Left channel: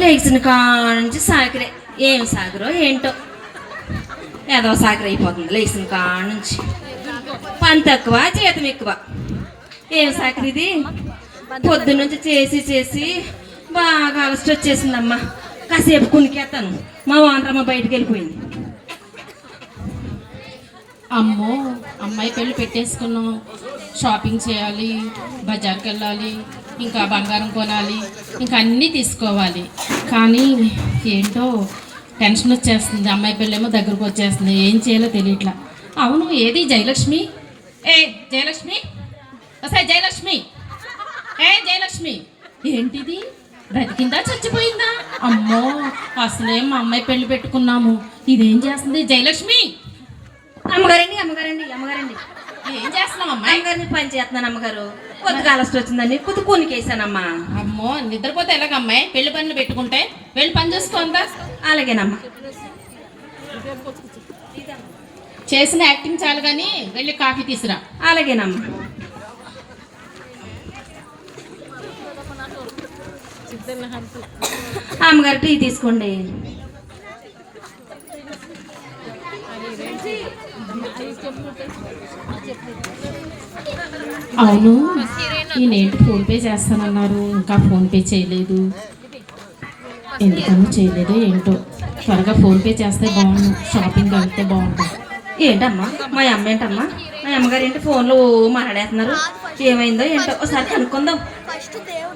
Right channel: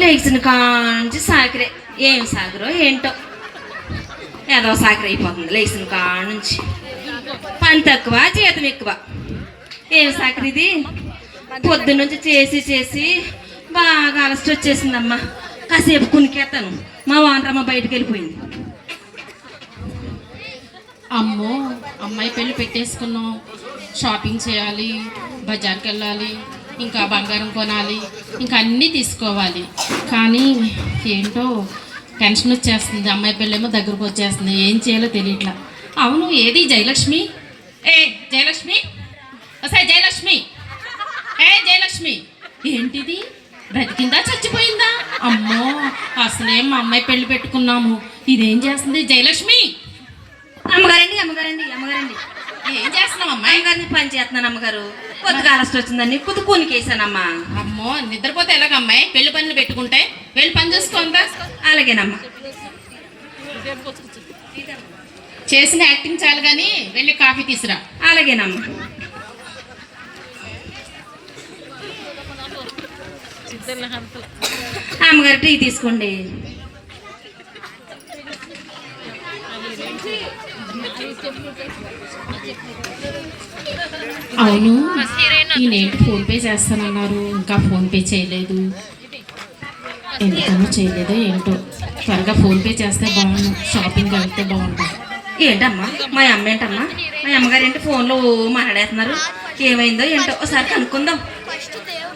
లేచిన కాంచి సాకరే ఏం సాకరో ఏంటో ఏదో సాకర అయిపోతుంది లేచిన కాంచి పని తక్కువ జీతం ఎక్కువ ఏం సాకర ఇది పొద్దున్నుంచి చేసి చేసి బాగా అలసట వచ్చేసిందమ్మా కాసేపు కునికేస్తాను మా వానరమ్మ బయటకు వెళ్ళిపోయింది. అమ్మో అమ్మాయి పెళ్ళి పెట్టేసుకున్నాం, షాపింగ్ చేయాలి, బజార్కి వెళ్ళాలి, ఇంకా బంగారం కొనాలి, ఇంకా అన్నీ తీసుకోవాలి. కానీ ఏంటో టెన్షన్ వచ్చేస్తుంది. అమ్మాయి పెళ్ళేమో దగ్గరకు వచ్చేస్తుంది, ఏం చేయాలో తెలియట్లా. అవును, ఏది జయలక్ష్మి? ఏ జయలక్ష్మి, ఒకసారి జయలక్ష్మి, ఏ జయలక్ష్మి, ఏంటిది బ్రతికిందా చచ్చిపోయిందా? అమ్మో అసలే మా అమ్మాయి పెళ్ళి పెట్టుకున్నాము, ఇదేం చేస్తుంది జయలక్ష్మి? అమ్మగారండి అమ్మగారండి అమ్మగారండి ఏం చేస్తున్నావు అమ్మాయి? అమ్మగారిని పని చేస్తున్నాను అమ్మగారు. కొద్దిగా అలసట వచ్చిందని కుతుకునికేసానమ్మా. అమ్మో నిద్రపోతే ఎలాగమ్మాయి? పెళ్లి పనులు పెట్టుకుంటే వెళ్ళి పని చూసుకోందా? అలాగేనమ్మా. చేసిన యాక్టింగ్ చాలు కానీ వెళ్ళి కాఫీ తీసురా. అలాగేనమ్మా. అమ్మగారు టీ తీసుకోండి. అవును, ఈయనేంటి ఫోన్పే చేస్తానన్నారు, ఇంకా ఫోన్పే చేయలేదు. ఎందుకనో చేయలేదో ఏంటో. త్వరగా ఫోన్పే చేస్తే బాగుండు, షాపింగ్ వెళ్తే బాగుంటుంది. ఏంటమ్మా మా అమ్మ ఏంటమ్మా? మా అమ్మగారు ఏంటి ఫోన్లో మాట్లాడేస్తున్నారు? ఏమైందో ఏంటో ఒకసారి కనుక్కుందాం.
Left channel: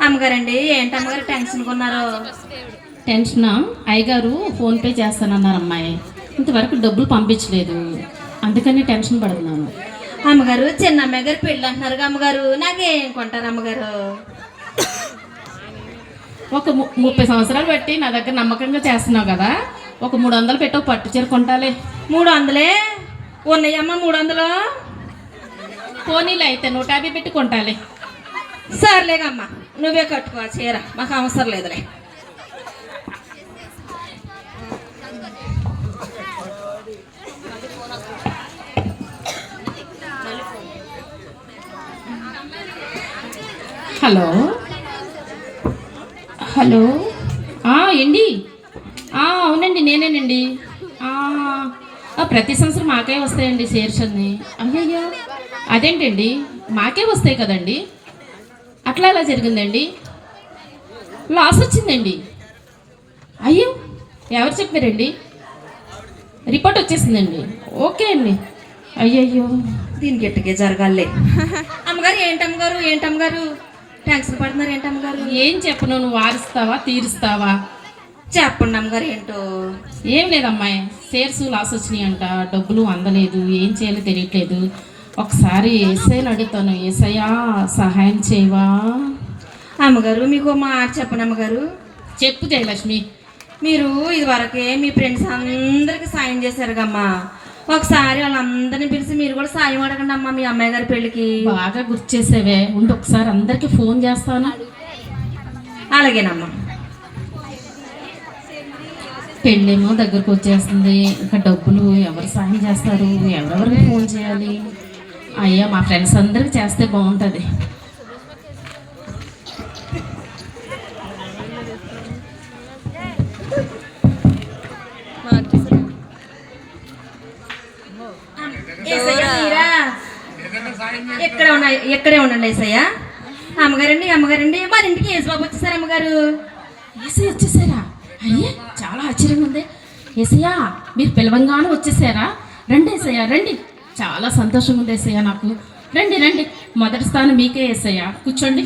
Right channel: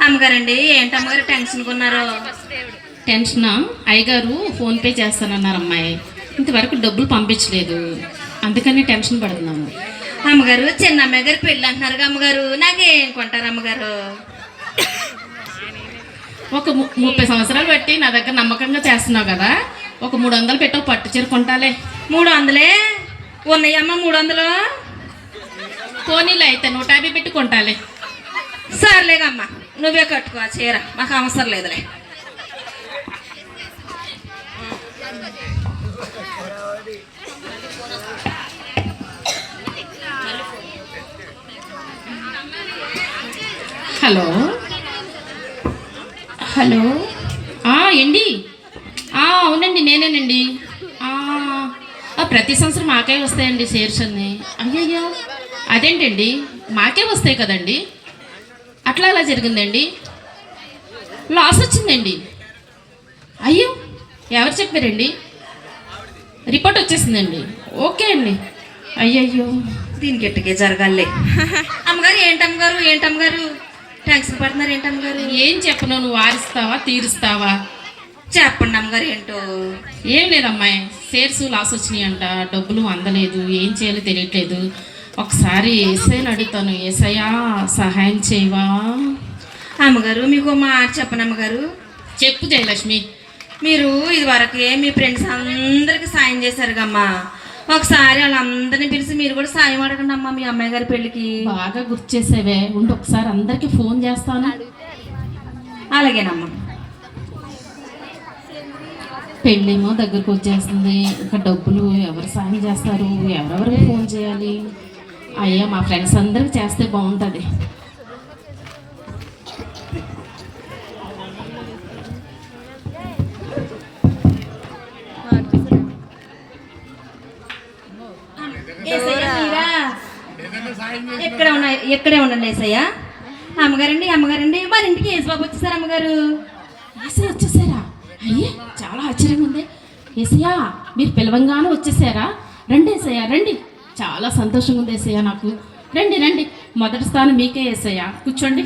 అమ్మగారండి ఏంటమ్మగారు టెన్షన్ కొన్నారో? టెన్షనా? అయ్యగారు ఫోన్పే చేస్తానన్నారు అమ్మాయి, ఇంతవరకు డబ్బులు పంపించలేదు, అందుకని టెన్షన్ పడుతున్నాము. అమ్మగారు చిన్న అమ్మాయి గారు పెళ్ళి అంటున్నారు అమ్మగారు, నాకేం కొంటారు అమ్మగారు? ఒక 30 సంవత్సరాలు బట్టి నా దగ్గర నమ్మకంగా చేస్తున్నావు కదా, ఒక 300 పెట్టో పట్టు చీర కొంటాలే. 300 ఉన్నాయమ్మా? 300 పోనీలు అయితే 150 పెట్టి కొంటాలే. సర్లేగమ్మా, నువ్వే కట్టుకో చీర, మాకు అవసరం లేదులే. హలో హలో, ఏండి? అవునండి నేనేనండి. ప్రతి సంవత్సరం మాకే వస్తాయండి షేర్స్ అన్ని. అయ్యయ్యో అదేంటండి, మాకే వస్తాయి కదండి, అట్లా అలా జరిగిందండి, లాస్ వచ్చిందండి. అయ్యో ఎవరు చెప్పారండి? రిపోర్ట్ వచ్చేసిందండి. ఓకే అండి. అయ్యయ్యో దీనికి ఎట్టుకే జరగాలే. అమ్మగారు ఏంటమ్మగారు ఏంటమ్మగారు టెన్షన్ పడుతున్నారు ఏంటమ్మగారు? ఏం చెప్పను, నువ్వు వారిస్తావా తీరుస్తావా? చెప్పండి అమ్మగారు ఏంటో. ఏం లేదమ్మాయి, షేర్స్ లాస్ వచ్చినాయి అంట, డబ్బులు అందలేదు, ఏం చేయాలో తెలియట్లేదు. ఒకసారి ఏసైని అడుగుతాను, ఏసయ్యా సహాయం చేయవా? అమ్మగారు మీకు మాట చెప్పను అమ్మగారు. చెప్పు జయలక్ష్మి. మీరు ఇదివరకే మీ ఫ్రెండ్స్ అందరికి సాయం చేశారు కమ్మా, ఒకసారి వాళ్ళందరినీ పిలిచి మీరు కూడా సాయం అడగండి అమ్మా మీ అమ్మాయి గారి పెళ్ళికి. బాగా గుర్తు చేసేవే, ఉండి ఒకసారి అందరికి ఫోన్ చేస్తాను. అలాగేనమ్మా. పెళ్ళేమో దగ్గరకు వచ్చేస్తుంది, ఇంకా డబ్బులు ఎవరు సాయం చేస్తారు, ఎవరెవరికి ఫోన్ చేయాలి? అయ్యా మా ఫ్రెండ్స్ అందరికి చేస్తే బాగుంటుంది. ఎక్కడే ఉండండి ఏసయ్య. అమ్మగారండి అమ్మగారండి మరి ఇంటికి యేసుబాబు వచ్చేసారు అమ్మగారు. ఏసయ్య వచ్చేసారా? అయ్యే చాలా ఆశ్చర్యంగా ఉంది. ఏసయ్య మీరు పిలవంగానే వచ్చేసారా? రండి ఏసయ్య రండి, చాలా సంతోషంగా ఉంది ఏసయ్య నాకు. రండి రండి, మొదటి స్థానం మీకే ఏసయ్య, కూర్చోండి.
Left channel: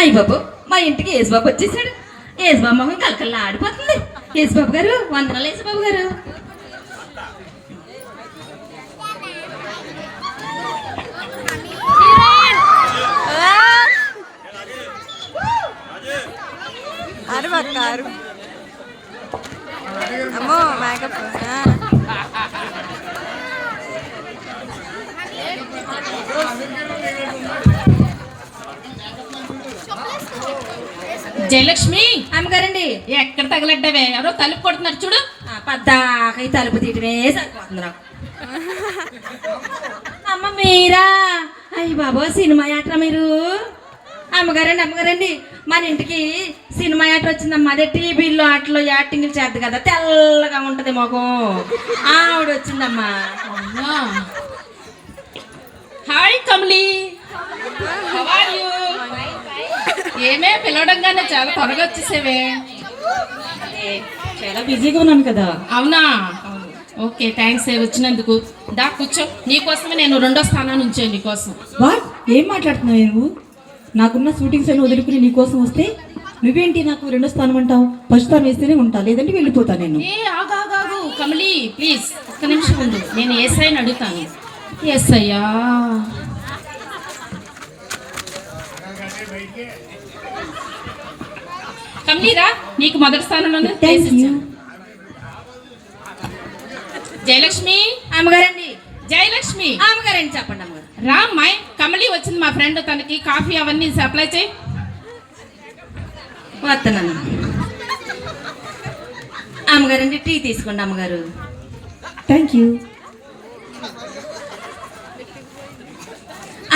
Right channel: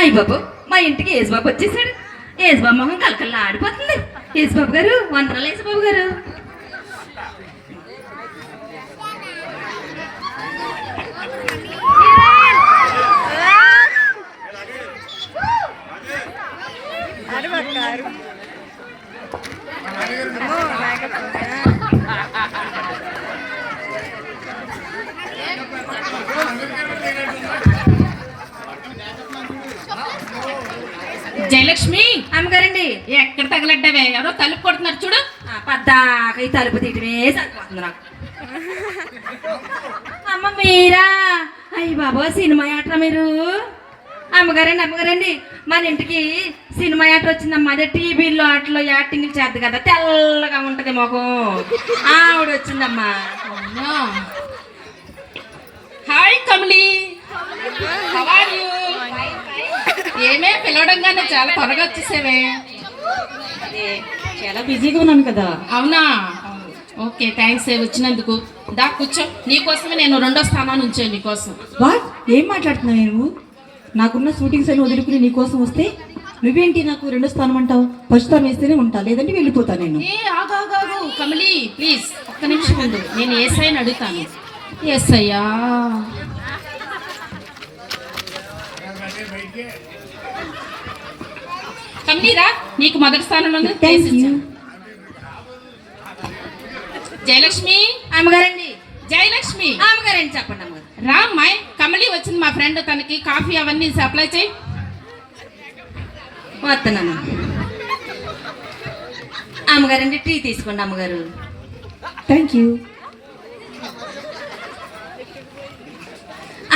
అయ్య బాబు మా ఇంటికి యేసుబాబు వచ్చేసాడు. యేసుబాబు మొహం కలకల్లా ఆడిపోతుంది. యేసుబాబు గారు వందనాలు యేసుబాబు గారు. జయలక్ష్మి అమ్మగారండి ఎక్కడ తగలడ్డావే? ఎవరో తలుపు కొడుతున్నారు చూడు. పద్దాక ఈ తలుపు తీయటమే సరిపోతుంది నాకు. అమ్మ మీరా? అయ్య బాబో సినిమా యాత్ర మీరు అమ్మగారండి మన ఇంటికి సినిమా యాత్ర వచ్చిందమ్మా. అదే టీవీలో అట్లా యాక్టింగ్లు చేద్ది కదా, తెల్లగా ఉంటది మొఖం, ఆవిడ వచ్చిందమ్మా. Hi Kamali, How are you? ఏమే పిలవడంగానే చాలా త్వరగా వచ్చేసేవే. చాలా బిజీగా ఉన్నాను కదా. అవునా, ఓకే థ్యాంక్స్ వచ్చినందుకు. దా కూర్చో, నీకోసమే నేను 2వ స్థానాన్ని ఉంచాను నీకోసం. వాట్, ఏం మాట్లాడుతున్నావు నువ్వు? నాకున్న షూటింగ్స్ అని వదులుకుని నీకోసం వస్తే నువ్వేంటి నాకు 2వ స్థానం అంటావు? ఫస్ట్ స్థానం వేస్తేనే ఉంటా, లేదంటే వెళ్ళిపోతా నేను. ఏ ఆగాగాగు కమలి, ప్లీజ్ ఒక్క నిమిషం ఉండు, నేను ఎస్ఐ అని అడుగుతాను. ఎస్ఐయా, కమలిరా, నీకు మొదటి స్థానంలో Thank you. జయలక్ష్మి, అమ్మగారండి జయలక్ష్మి అమ్మగారండి చెప్పండి అమ్మగారు. రా అమ్మాయి, కమలి వచ్చింది మా ఫ్రెండ్, తనకి కాఫీ అవన్నీ సప్లై చేయి. వస్తానమ్మ. అమ్మగారండి టీ తీసుకోండి అమ్మగారు. Thank you.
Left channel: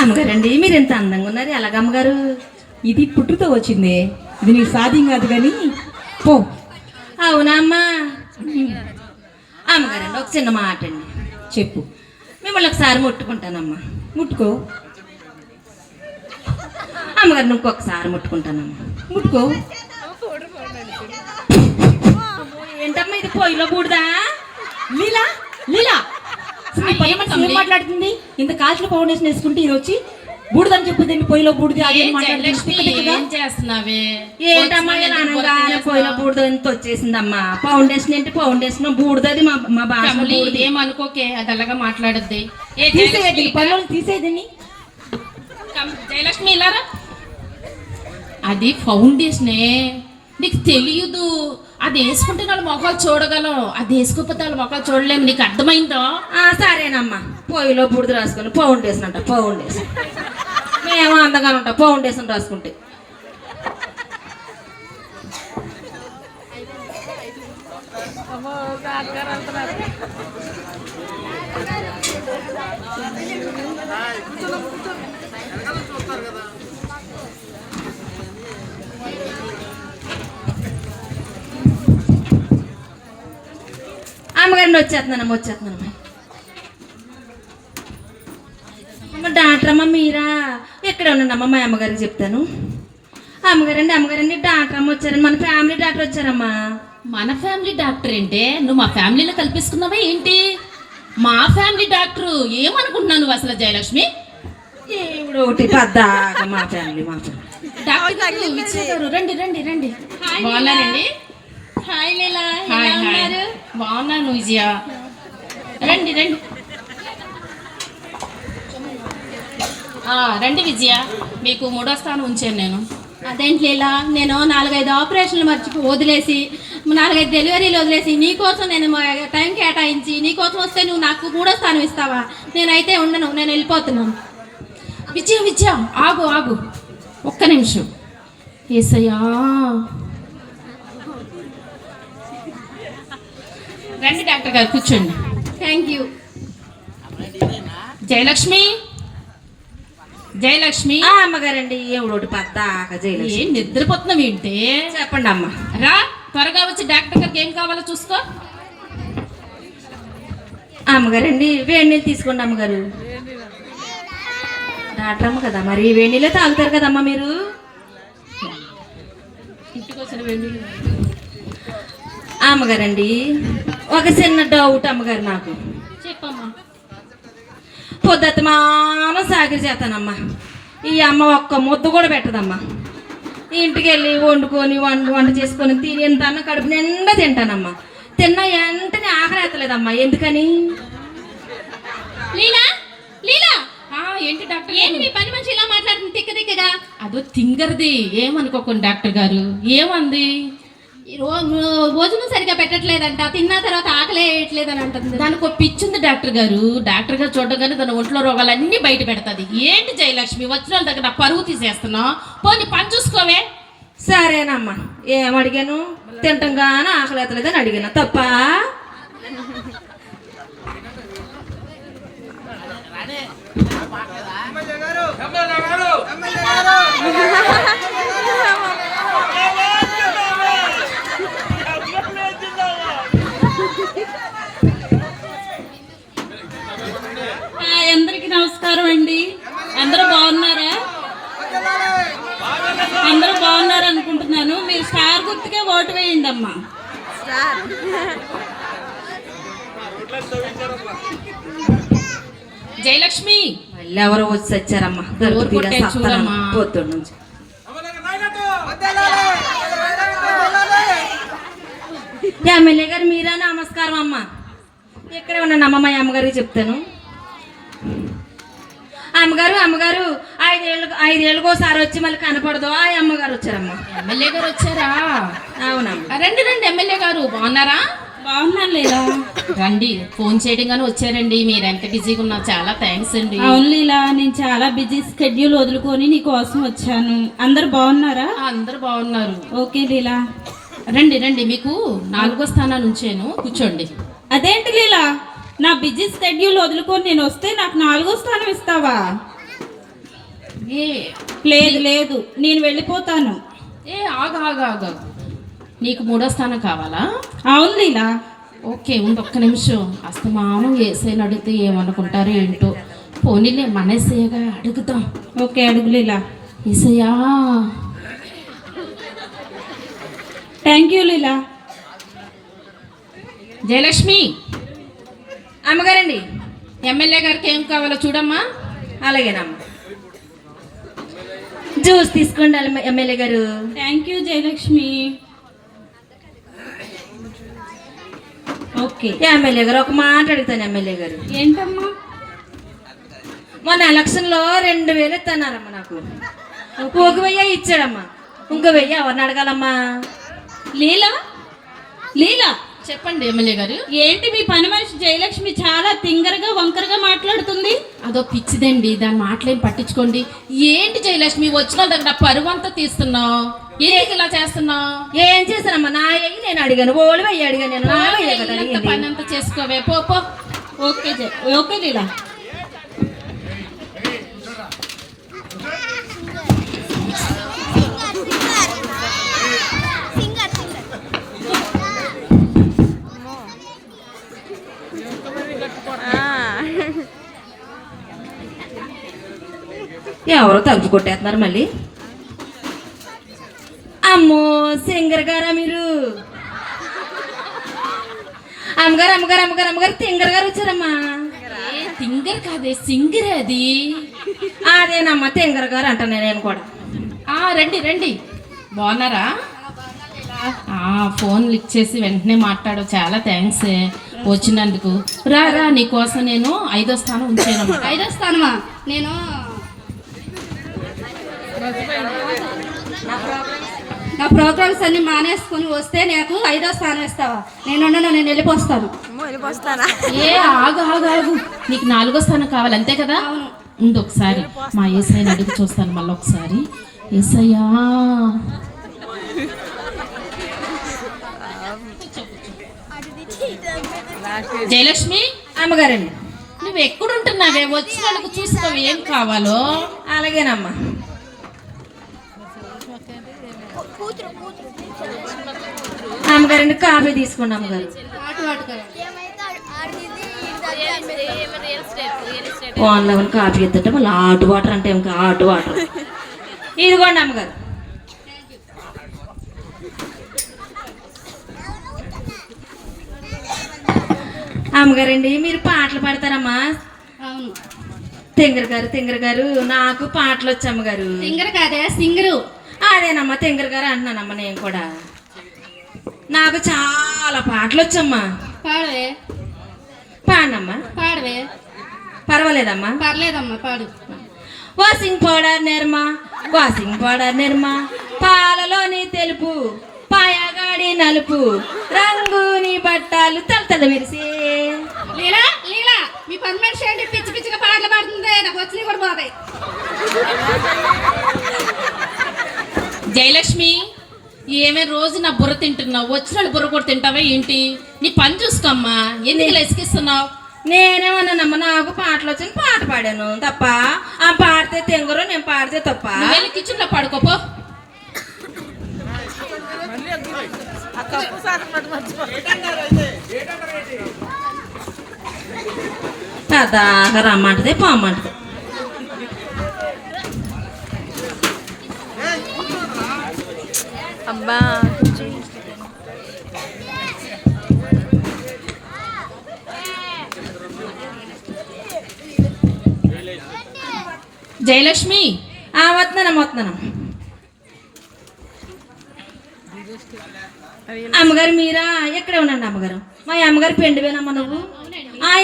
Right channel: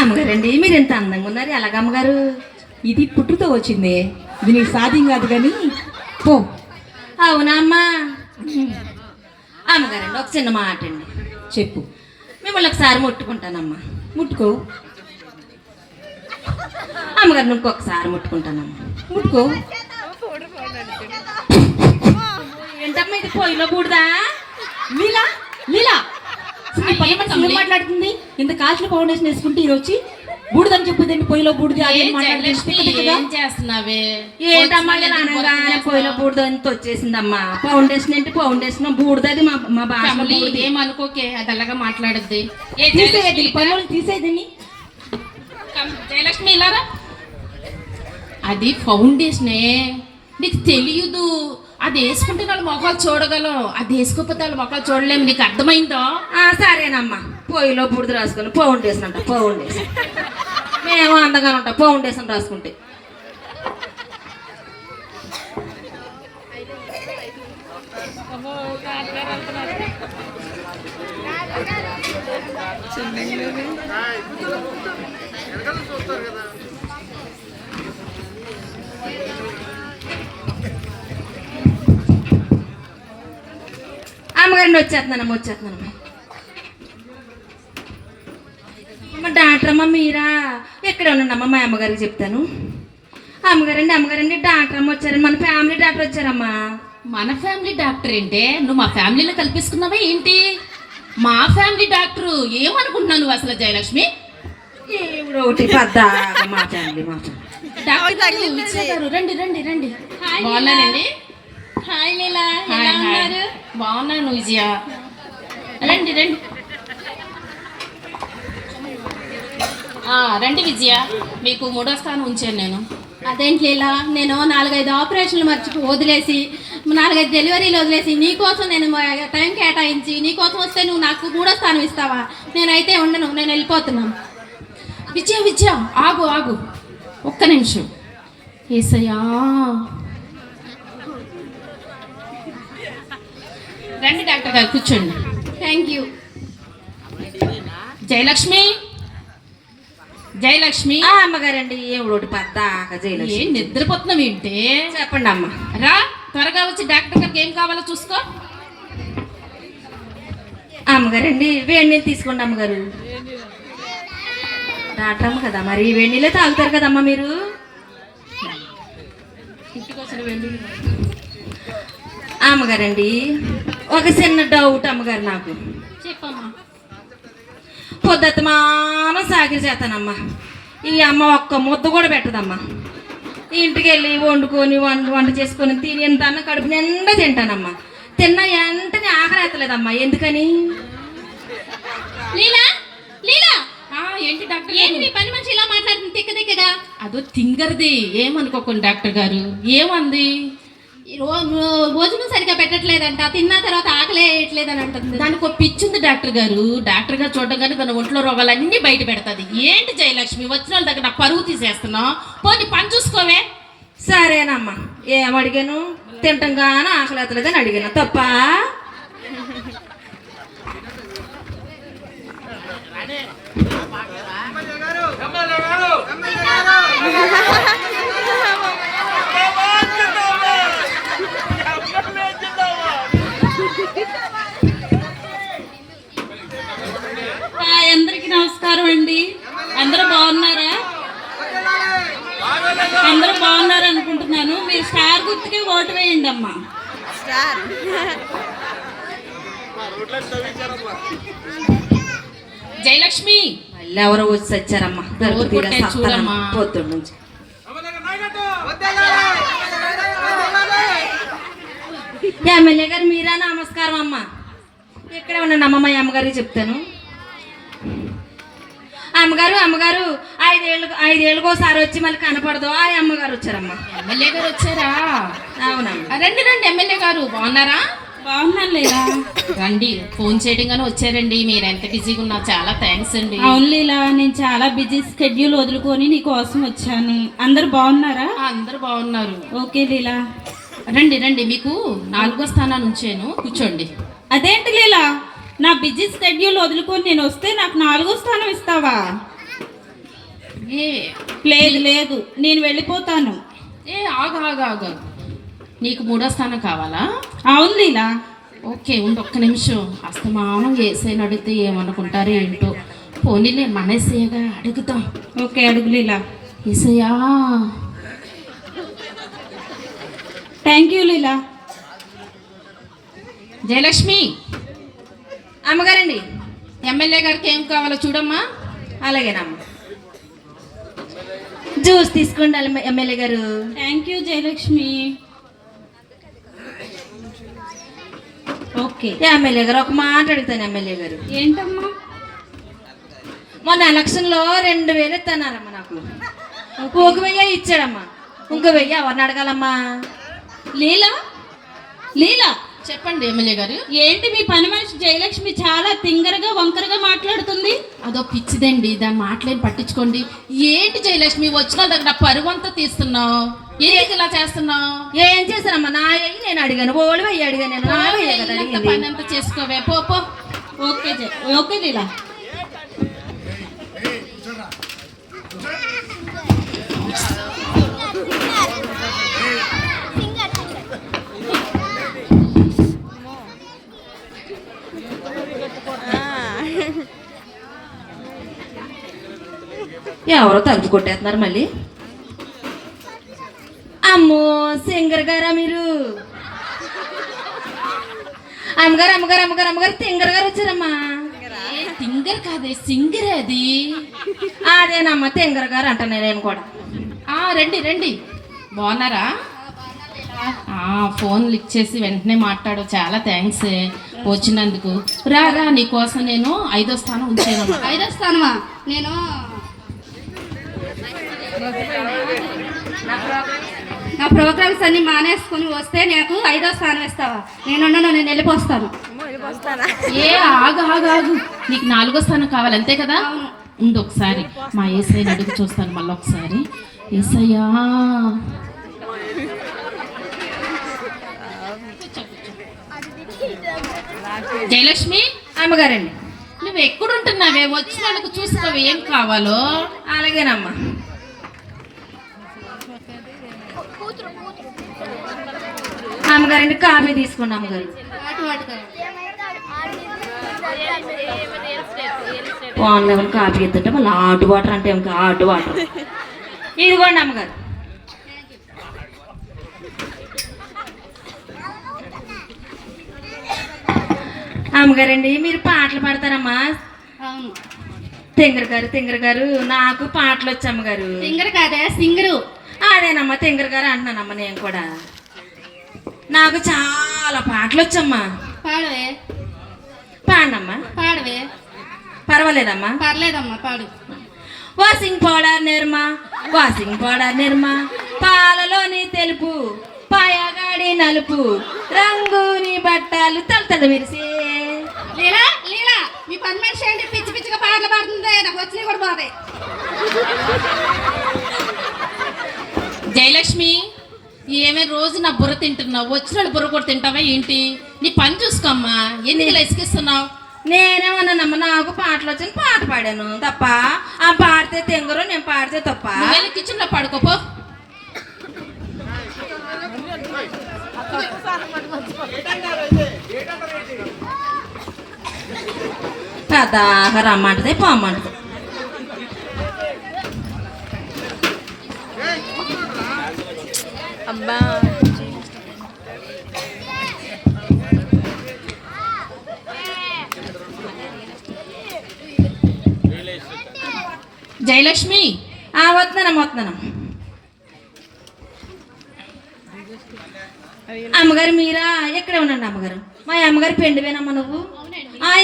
అమ్మగారండి మీరు ఎంత అందంగా ఉన్నారు, ఎలాగ అమ్మగారు? ఇది పుట్టుతో వచ్చిందే, ఇది నీకు సాధ్యం కాదు కానీ పో. అవునా అమ్మా? అమ్మగారండి ఒక చిన్న మాట అండి, చెప్పు. మిమ్మల్ని ఒకసారి ముట్టుకుంటానమ్మా. ముట్టుకో. అమ్మగారు ఇంకొకసారి ముట్టుకుంటానమ్మా. ముట్టుకో. ఏంటమ్మా ఇది పొయ్యిలో బూడిదా? లీలా, లీలా, అసలు ఈ పని మనిషి ఏం మాట్లాడుతుంది? ఇంత కాల్చిన ఫౌండేషన్ వేసుకుంటే ఇది వచ్చి బూడిదని చెప్పింది, పొయ్యిలో బూడిది అది ఏ మాట్లాడుతుంది. జయలక్ష్మి, ఏం చేస్తున్నావే? ఏంటమ్మా ఇలా అనగానే పొయ్యిలో బూడిద ఎంత వచ్చేసిందమ్మా. ఫౌండేషన్ ఏంటి ఫౌండేషన్, బూడిదది మా భాష కమలి, బూడిది. ఏమనుకోకే, అది అలాగా మాట్లాడద్ది. ఏ తీసేది జయలక్ష్మి, పనులు తీసేదని. జయలక్ష్మి ఇలారా, అది ఫౌండేషనే, నీకు తెలియదు. అది వేసుకుంటే వాళ్ళ మొఖాలు చూడగలం, అది వేసుకోకపోతే వాళ్ళ మొఖాలు చూడలేము. నీకు అర్థమైందో? సరేనమ్మా, పొయ్యిలో బూడిద రాసుకొని ఫౌండేషన్ అంట. ఫౌండేషన్ మేము అందంగా ఉంటాం ఫౌండేషన్ రాసుకుంటే. అమ్మగారిని వచ్చేస్తున్నానమ్మా. అమ్మ డాక్టర్ అమ్మ మీరా? ఎక్కడ ఉన్నాడమ్మా, మా అమ్మగారికి చెప్తాను. అమ్మగారండి డాక్టర్ అమ్మ వచ్చారని, మన ఫ్యామిలీ డాక్టర్ వచ్చారమ్మా. మన ఫ్యామిలీ డాక్టర్ ఏంటే? నువ్వు మా ఫ్యామిలీలో కల్పిస్తున్నావా ఏంటి? మా ఫ్యామిలీ డాక్టర్ ఏమనుకుంటున్నావు నువ్వు అసలు జయలక్ష్మి? ఏమిడో ఒకటి పద్దాక మా ఫ్యామిలీ. డాక్టర్ విజయ గారు, రండి రండి రండి. బాగున్నానండి. హాయ్ లీలా, హాయ్ హాయ్, బాగున్నాను విజయ. రండి రండి. రండి విజయ, మీకు 3వ స్థానం ఉంచాను నేను. అదేంటి లీలా, నేను 4-5 ఆపరేషన్లు వదిలేసి 4-5 డెలివరీలు వదిలేసి నీకోసం నేను టైం కేటాయించి నీకోసం వస్తే నువ్వు నాకు 3వ స్థానం ఇస్తావా? నేనైతే ఉండను, నేను వెళ్ళిపోతున్నాను. విజయ విజయ, ఆగు ఆగు ఒక్క నిమిషం. ఏసయ్యా, రండి డాక్టర్ గారు కూర్చోండి. Thank you. జయలక్ష్మి, జయలక్ష్మి. అమ్మగారండి ఎవడోటి పద్దాక జయలక్ష్మి. ఏం నిద్రపోతున్నావు ఏంటి? చెప్పండి అమ్మ. రా త్వరగా వచ్చి డాక్టర్ గారికి ఏం కావాలో చూసుకో. అమ్మగారండి వేడి నీళ్ళు తీసుకోండి అమ్మగారు. డాక్టర్ అమ్మ కదా, మరి వేడి నీళ్ళే తాగుతారు కదమ్మా మీరు. ఇంటికి వచ్చిన వెళ్ళి అమ్మగారండి ఒక చిన్న డౌట్ అమ్మగారు నాకు. చెప్పమ్మా. పొద్దుమాన సాగిరి చేస్తానమ్మా. ఈ అమ్మ ఒక్క ముద్ద కూడా పెట్టదమ్మా. ఇంటికి వెళ్ళి వండుకొని వంట చేసుకొని తిని ఎంత అన్న కడుపు నిండా తింటానమ్మా. తిన్న వెంటనే ఆకలి ఎత్తలేదమ్మా. ఎందుకని? లీలా, లీలా, ఏంటి డాక్టర్ ఏంటి మీ పని మనిషి ఇలా మాట్లాడుతుంది తిక్కగా? అదో తింగరది, ఏమనుకోకండి డాక్టర్ గారు. ఏమంది? భోజనం సరిగా పెట్టట్లేదంట, తిన్న తర్వాత ఆకలి వేయట్లేదని అంటుంది. దానికి ఒక పిచ్చింది డాక్టర్ గారు. డాక్టర్ గారు చూడగానే తన ఒంట్లో రోగాలన్నీ బయట పెడతాది. ఏంటి జయలక్ష్మి, వచ్చిన వాళ్ళ దగ్గర నా పరువు తీసేస్తున్నావు? పోనీ పని చూసుకోవే. సరేనమ్మా, ఏం అడిగాను? తింటంగానే ఆకలి ఎత్తలేదని అడిగాను, తప్ప? జయలక్ష్మి మళ్ళీ ఎవరో వచ్చి వచ్చారమ్మా ఊరు కొట్టే చూడమ్మా. పొద్దున్న నుంచి ఎమ్మెల్యే గారు మీరా? నమస్కారం అమ్మా. ఇక్కడే ఉన్నాను అమ్మ, మా అమ్మగారికి చెప్తాను. అమ్మగారు 5 ఏళ్ళకి ఒకసారి వచ్చి మళ్ళీ కనపడదు. ఆ అమ్మగారు వచ్చారమ్మా. ఎమ్మెల్యే గారు వచ్చారా? అవునమ్మా. రండి రండి, ఎమ్మెల్యే గారు బాగున్నారా? బాగున్నాను లీలా. రండి, ఫోన్ చేయడం గానీ వచ్చారండి. మీరు ఎంత బిజీగా ఉన్నా చాలా థ్యాంక్స్ అండి. అవును లీలా, నేను చాలా బిజీ స్కెడ్యూల్ వదులుకొని నీ కోసం వచ్చాను. అందరు బాగున్నారా? అందరు బాగున్నారు. ఓకే లీలా. రండి రండి, మీకు 4వ స్థానాన్ని ఉంచాను, కూర్చోండి. అదేంటి లీలా, నా బిజీ స్కెడ్యూల్ వదులుకొని నేను వస్తే నాకు 4వ స్థానం ఇస్తావా? ఏ లేదు లేదు, నేను వెళ్ళిపోతాను. ఏ ఆగు ఆగు ఆగు, నీకు 3వ స్థానం కావాలా? అవును లీలా. ఓకే, ఉంది, ఒక్క నిమిషం. అస్తమానం ఏసైని అడిగితే ఏమనుకుంటారు ఏంటో. పోనీలే, మనసేగా అడుగుతాం. ఓకే, అడుగు లీలా. ఏసయ్యా. Thank you Leela. జయలక్ష్మి, అమ్మగారండి. ఎమ్మెల్యే గారికి ఏం కావాలో చూడమ్మా. అలాగేనమ్మా. జ్యూస్ తీసుకోండి ఎమ్మెల్యే గారు. Thank you Jayalakshmi. Okay MLA గారు, ఒక మాట అడుగుతాను ఎమ్మెల్యే గారు. ఏంటమ్మా? మొన్న ఎలక్షన్లో 2000 ఇస్తున్నారమ్మా నాకు. 1000 ఇచ్చాడమ్మా. ఇంకో 1000 ఎవరిని అడగాలమ్మా? లీలా లీలా, చెప్పండి ఎమ్మెల్యే గారు. ఏంటి మీ పని మనిషి జయలక్ష్మి చాలా తింగరగా వంకరగా మాట్లాడుతుంది? అదో పిచ్చిదండి, దాని మాటలేం పట్టించుకోండి. ఏంటి జయలక్ష్మి, వచ్చిన దగ్గర పరువు అంతా తీస్తున్నావు, ఎందుకు ఇలా చేస్తున్నావు? ఏం చేశానమ్మా? నా అయ్యి నేను అడిగాను, 1000 అడిగాను. నేను నా అయ్యే కదా అడిగింది. పని అంతా చేసుకోవే, పో పో. ఓకే ఓకే లీలా. ఎవరో తలుపు కొట్టేస్తున్నారు మళ్ళీ. అమ్మో, సింగర్ గారా మీరు? అమ్మగారు తింగర్ గారు వచ్చారమ్మా. తింగర్ కాదే, సింగర్ అది. అదేనమ్మా, తింగర్ గారు అంటాను నేను కూడా. రండి రండి, బాగున్నారా? ఫోన్ లిక్ చేసి వెంటనే మాట్లాడు, చాలా థ్యాంక్స్ వచ్చినందుకు. రా రా, నీకోసం నేను 5వ స్థానం ఉంచాను. 5వ స్థానమా? నేను నా ప్రోగ్రామ్స్ అన్ని మానేసుకుని వస్తే నాకు 5వ స్థానం ఇస్తావా? నేను వెళ్ళిపోస్తాను. ఏ ఆగు ఆగు ఆగు, నీకు 4వ స్థానం కావాలి అంతే కదా? ఉండు, ఒకసారి మా ఏసైని అడిగి చూస్తాను మళ్ళీ ఒకసారి. ఏసయ్యా. జయలక్ష్మి, అమ్మగారండి. నువ్వు ఎక్కడుంటున్నావే, వచ్చినందుకు చూసుకోవు ఏం కావాలో. అలాగేనమ్మా. అమ్మగారండి, కాఫీ తీసుకోండి అమ్మగారు. ఆన్లైన్ కాఫీ ఎత్తుంటే మళ్ళీ హాట్ వాటర్ అంటే ఇంకా హాట్ వాటర్. ఇదిగోండి అమ్మగారు. అమ్మగారండి, మీరు పాటలు పాడతారమ్మా? అవును. తింగర్ గారు నాకు పాటలు వచ్చి అమ్మగారు. సింగర్ కాదే, సింగరు. అదేనమ్మా, తింగర్ గారు అంటున్నానమ్మా నేను కూడా. నాకు చాలా పాటలు వచ్చమ్మా. పాడవే. పాడనమ్మా. పాడవే. పర్వాలేదమ్మా. పర్లేదమ్మా, పాడు. వాషింగ్ పౌడర్ నిర్మా పాలలోని తెలుపు, పాయగాడి నలుపు, రంగుని బట్టలు తలతల విరిసే. లీలా లీలా, మీ పని మనిషి అంటే పిచ్చి పిచ్చిగా పాటలు పాడుతుంది, నాకు వచ్చినవి కూడా బాధే. జయలక్ష్మి, ఏమే రోజు నా బుర్ర తింటున్నావు, వచ్చిన బుర్ర కూడా తింటావా ఏంటి? నీ పని చూసుకోమ్మా, ఎందుకు ఇలా ఇసుకిస్తున్నావు? నేనేమన్నానమ్మా, నాకు పాటలు వచ్చి పాట పాడాను తప్ప. ఆ పాడితే తెంగరు, నేను పాడితే తప్ప. వెళ్ళి కిచెన్లో పడుకోపో. దాకా రమ్మంటది, పోమ్మంటది. అబ్బా జయలక్ష్మి వస్తున్నాను. అమ్మగారు మీరా? ఎక్కడే ఉండండి అమ్మగారు. మా అమ్మగారు పెండివేనమ్మా నువ్వు?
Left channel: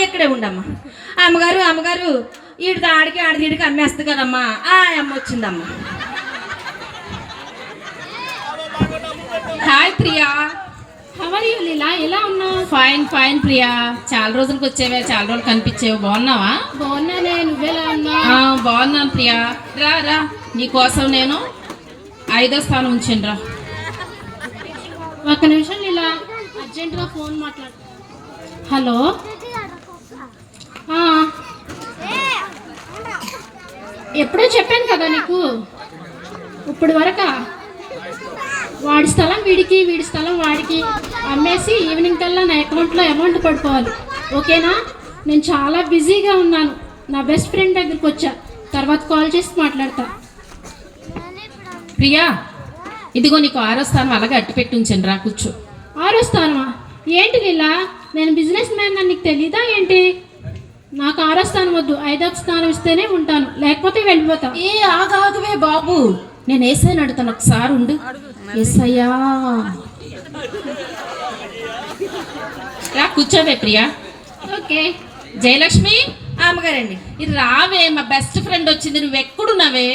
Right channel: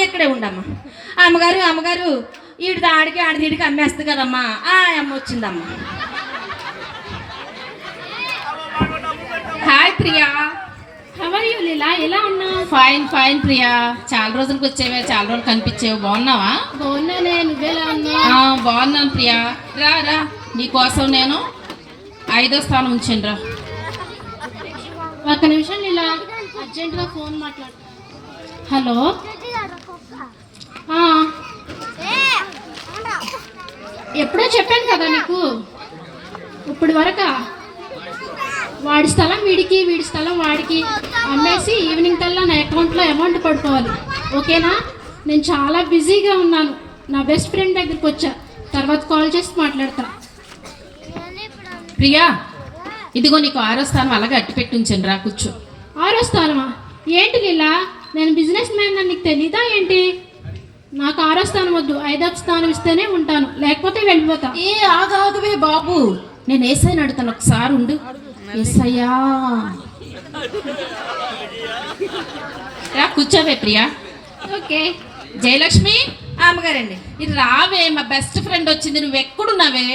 ఎక్కడే ఉండమ్మా. అమ్మగారు ఈడు ఆడికి ఆడికి అమ్మేస్తుంది కదమ్మా. అమ్మ వచ్చిందమ్మా. హాయ్ ప్రియా. హవర్ యూ లీలా, ఎలా ఉన్నావు? ఫైన్ ప్రియా. చాలా రోజులకు వచ్చేవే, చాలా రోజులు కనిపించేవి. బాగున్నావా? బాగున్నానే, నువ్వెలా ఉన్నావు? బాగున్నాను ప్రియా. రా నీకోసం నేను 5వ స్థానం ఉంచాను రా. ఒక్క నిమిషం లీలా, అర్జెంటుగా ఫోన్ మాట్లాడు. హలో, ఎప్పుడో చెప్పాను కదా నీకు. ఇప్పుడు వరకా వాడి స్థలం వీడికి, వీడి స్థలం వాడికి అమ్మేసి ఈవినింగ్ కల్లా నా అకౌంట్లో అమౌంట్ పడిపోవాలి. ఓకేనా? నేను చాలా బిజీగా ఉన్నాను. నా బెస్ట్ ఫ్రెండ్ దగ్గరికి వచ్చా, తర్వాత కాల్ చేసి మాట్లాడతా. ప్రియా, ఇదిగో నీకు 6వ స్థానం అలాగే అట్టి పెట్టి ఉంచండి రా, కూర్చో. 6వ స్థానమా? ఏంటి లీలా, నేను బిజినెస్ మ్యాన్ అని నీకు తెలీదా ఏంటి? నాకు 6వ స్థానం వద్దు, 5వ స్థానం ఇస్తేనే ఉంటాను, లేకపోతే వెళ్ళిపోతా. ఆగవే బాబు, నేను ఏసైని అడుగుతాను, ఒకసారి ఉండు. ఏసయ్యా, రా కూర్చోవే ప్రియా. ఓకే. జయలక్ష్మి, అమ్మగారండి. ఇది రావే, మా బెస్ట్ ఫ్రెండ్ వచ్చింది. నువ్వు ఎక్కడున్నావే?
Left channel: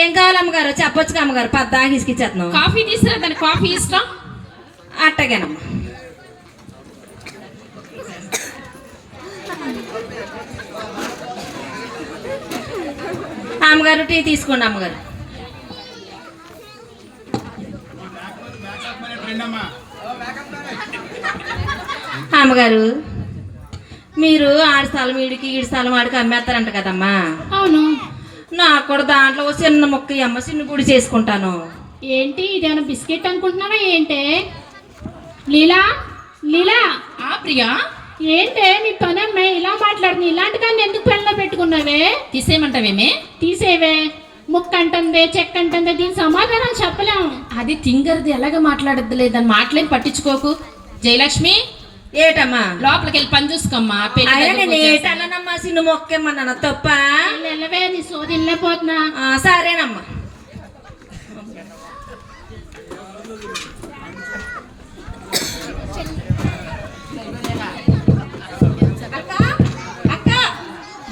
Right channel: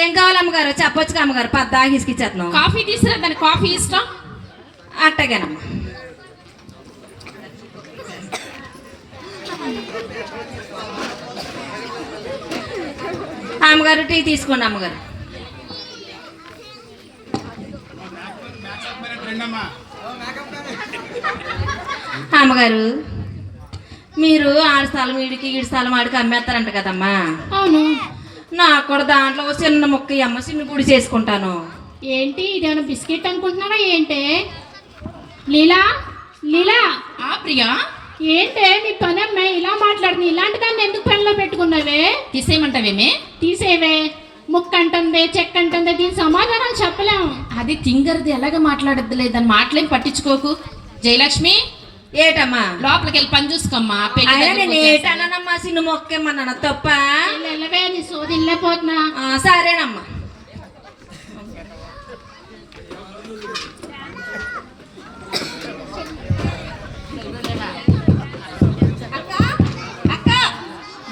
ఏం కావాలి అమ్మగారు? చెప్పొచ్చు అమ్మగారు. పద్దాకి తీసుకిచ్చేస్తున్నావు. కాఫీ తీసుకురా, దాని కాఫీ ఇష్టం. అట్టగేనమ్మా. అమ్మగారు టీ తీసుకోండి అమ్మగారు. అమ్మగారు, మీరు ఆడి స్థలం వీడికి, ఈడి స్థలం వాడికి అమ్మేస్తారంట కదమ్మా. అవును. నాకు కూడా దాంట్లో చిన్న ముక్క అమ్మ చిన్న గుడి చేసుకుంటాను. ఏంటి, ఇదేమైనా బిస్కెట్ అనుకుంటున్నావా ఏంటే? లీలా లీలా. ప్రియా, ఏంటే నీ పని అమ్మాయి ఇలా మాట్లాడుతుంది? ఇలాంటి కానీ ఎందుకు పెళ్ళలో పెట్టుకున్నావే? తీసేయమంటావేమే? తీసేవే. ముక్క అంటుంది, చెక్క అంటుంది, దీని సమాధానం చెప్పలేము. అది తింగర్ది, ఎలాగ మాట్లాడద్దులే, దాన్ని మాటలేం పట్టించుకోకు. జయలక్ష్మి, ఏటమ్మా? లోపలికి వెళ్ళి పని చూసుకోమ్మా. ఏటన్నానమ్మా, చిన్న మొక్కేమన్నా తప్ప? వెళ్ళవే, నీ సోదిల్లే పోతున్నా. సరేనమ్మా.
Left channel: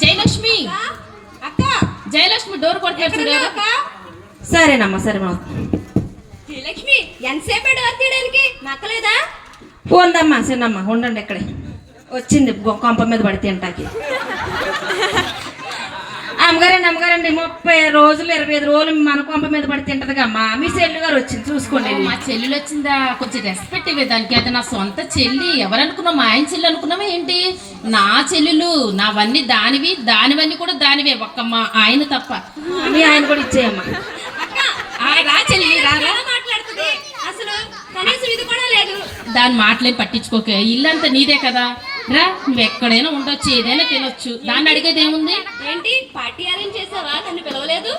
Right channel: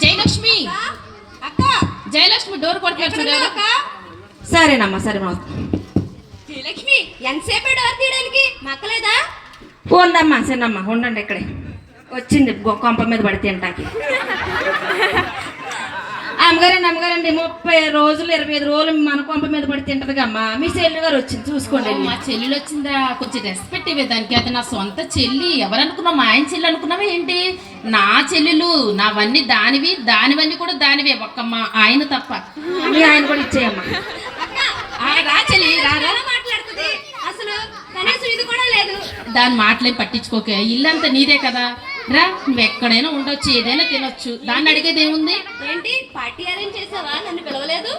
జయలక్ష్మి, జయలక్ష్మి డోర్ కొట్టేసి. సరేనమ్మా. లక్ష్మి, ఎంతసేపు డోర్ తీయడానికి మక్కలేదా? ఉందమ్మా చిన్నమ్మ, ఉండండి. ఇక్కడే వచ్చింది కొంప మీద పడితే తింటాకి. అమ్మగారండి 30 రోజులు 25 రోజులు మన కొంప మీద పడి తింటది అమ్మా. మీ చెల్లి గారు వచ్చింది, చూసుకోండి. మా చెల్లెలు వచ్చిందా? కొంచెం రెస్పెక్ట్ ఇవ్వే దానికి. అది నా సొంత చెల్లి. ఎవరనుకున్నావు? మా ఆయన చెల్లి అనుకున్నావా ఏంటి? నా చెల్లెలు, నావన్నీ దానివి, దానివన్నీ కూడా దానివే, ఒక్క మా ఆయన తప్ప. మీ ఆయన కూడా ఇచ్చేయమ్మా. రా చెల్లి, రారా. మాట్లాడుతుంది అసలు కనీసం ఇది కూడా లేదు. దాని మాటలేం పట్టించుకోక, ఇల్లంతా నీదే కదా. రా, నువ్వు ఎక్కడైనా ఉండొచ్చు, ఏదైనా తినొచ్చు, దాన్ని అడిగేది ఏముంది? ఏంటి, పార్టీ అరేంజ్ చేసావా? నన్ను పిలవలేదు?